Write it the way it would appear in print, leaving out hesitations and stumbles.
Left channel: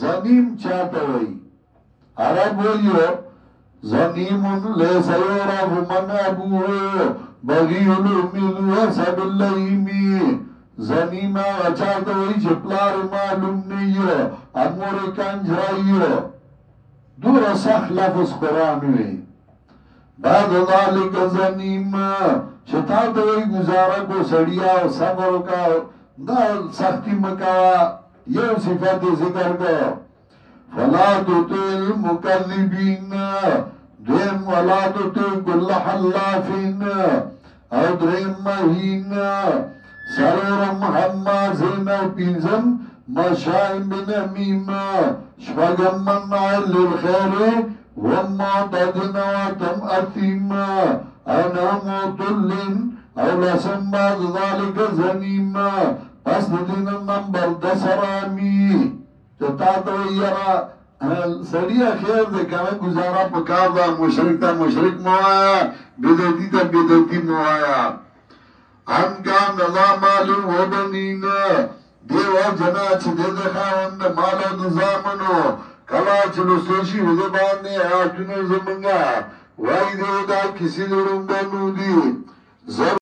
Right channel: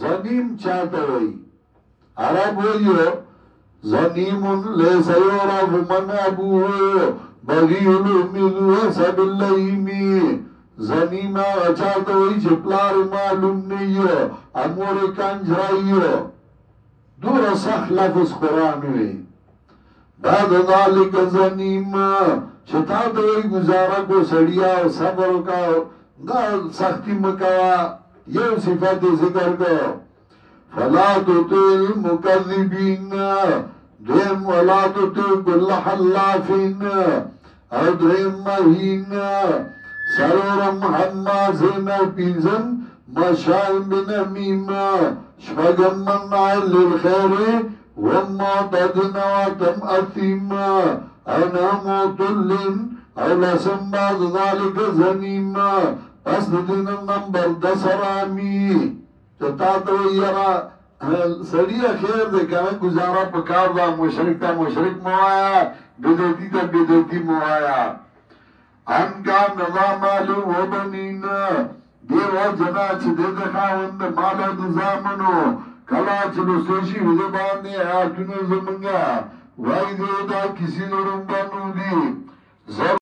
زنیم چاہتا ہوئی عرب ہوئیو زنیم لیسا یورف من ابوه بغیل امیدو حسب اللہیمی زنیم چاہتا ہوئی چپلار معلوم نیو امور کنجرائیو دور سخ لفظ قرآن ہوئی بعد ذالک زنیم چتا دوئی گزارا کو سڑیا و صبر کا دا سختی مکا یہ صفت ذکر کا فلا تطیع المکذبین دیم ولا تطیع کل حلافین او دریم مہین سرورم حمازین پیزم مشائم بن امیم شفقم منع للخیر ومعتدنا وتم أثيم أنا مطل أو لسم بعد ذلك زنيم پس دین نمبر 10 رامی چتا تو یرا سڑیا خیر دے کنا گزارا پکار دا مشرک تا مشرک موایا بدعتی تا بدعتی موایا ان کا نظام معلوم و بنین دیو جنا چھ دے دخاوند مالا نظامنو کلا چلو سوشی وزبانی آتونو زمانگا وائی دیو دا کسی درنگانو دی